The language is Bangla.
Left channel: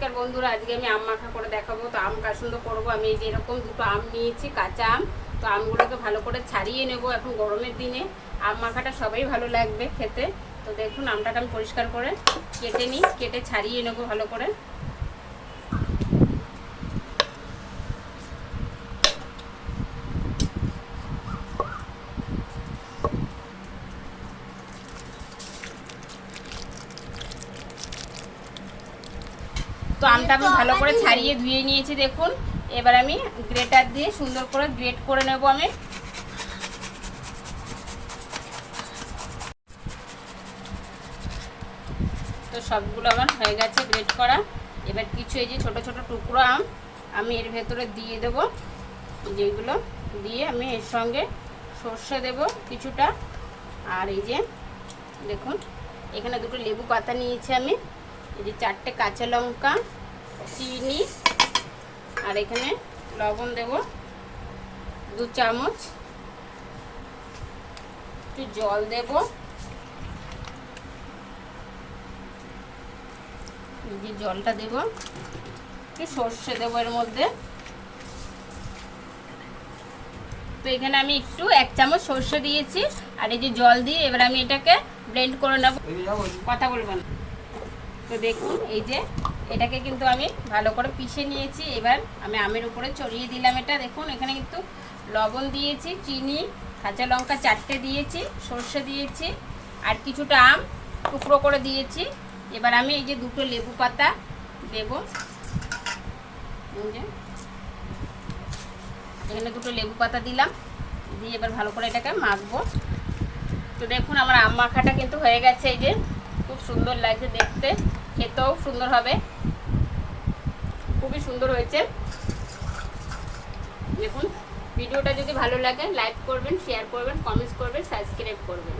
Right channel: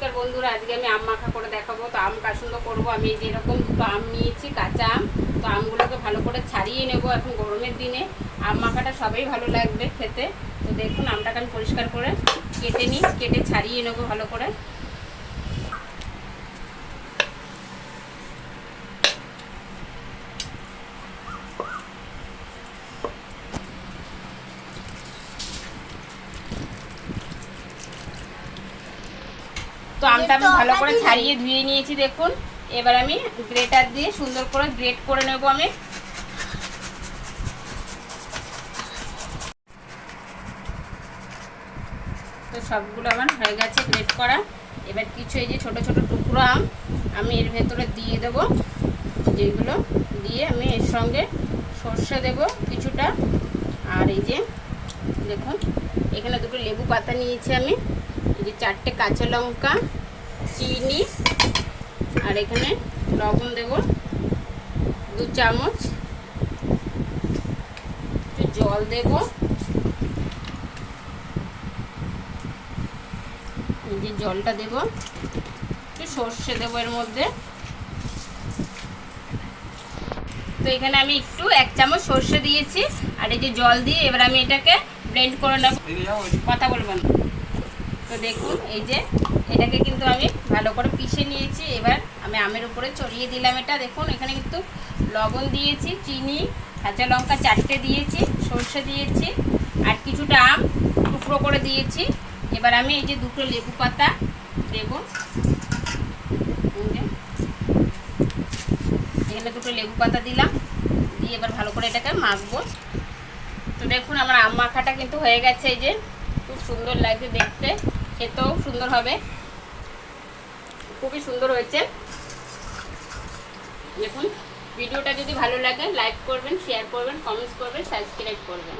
নমস্কার বন্ধুরা, আজকে আমি আম মাখা করে দেখাবো। তো আম কাসুন্দ করবো। আমি এই যে এরকম দুটো আম নিয়েছি, কাঁচা আম। তো আমগুলোকে ভালো করে ছাড়িয়ে নেব। এখন গরমের দিনে আম মাখাটা সবাই ভালো লাগবে খেতে। তো দেখুন, আমটাকে আমি পরিষ্কার করে কেটে ছাড়িয়ে নেব ভালো করে। তো আমটা আমি ভালো করে ছাড়িয়ে ধুয়ে নিয়েছি দেখুন। এবার আমি গ্রেটার দিয়ে সুন্দর করে গ্রেট করে নেব আমি। তো সবগুলো আমার হয়ে গেছে গ্রেট করা। এবার কিছু এই যে ছোট ছোট টুকরো আম আমি এর ভেতরে দিয়ে দেব। যেগুলো দিয়ে আমি এর সঙ্গে সর্ষে দেব কিছুটা। আর এই যে দেখুন, এখানে দুটো লেবু পাতা নিয়েছি আমি। এই যে 4টে কাঁচা লঙ্কা, চিনি, আর এখানে লবণ দেব 2 চামচ, একটু জল দেব, এই যে জলটা দেব, একটু সর্ষে দেবো এর মধ্যে। তো এখানে আমি একটু 1 চামচ সর্ষে দিয়েছি আর এই যে জল দিয়ে এবার আমি এটাকে ব্লেন্ড করে নেব। কথা বলবো না। তো দেখুন, এই যে এটাকে কিন্তু আমি ভালো করে পিষে নিয়েছি। এবার আমি আমের উপরে ছড়িয়ে দিলাম এটা। দেখুন, এখানে কিন্তু লবণ দিয়েছি, চিনি, কাঁচা লঙ্কা 4টে দিয়েছি, সর্ষে দিয়েছি, আর কিছুটা আম টুকরো করে দিয়েছি। এবার আমি এই যে 2টো লেবু পাতা দেব। এখানে 2টো লেবু পাতা দিলাম, দিয়ে এবার ভালো করে এটাকে মাখবো। তো দেখুন, আমার আম মাখাটা কিন্তু হয়ে গেছে। এই যে খুব সুন্দর লাগছে দেখতে, খেতেও সুন্দর হবে, খুবই সুন্দর হয়েছে। দেখুন, ভিডিওটা যদি ভালো লাগে লাইক করবেন, শেয়ার করবেন, কমেন্টস করবেন, সাবস্ক্রাইব করবেন।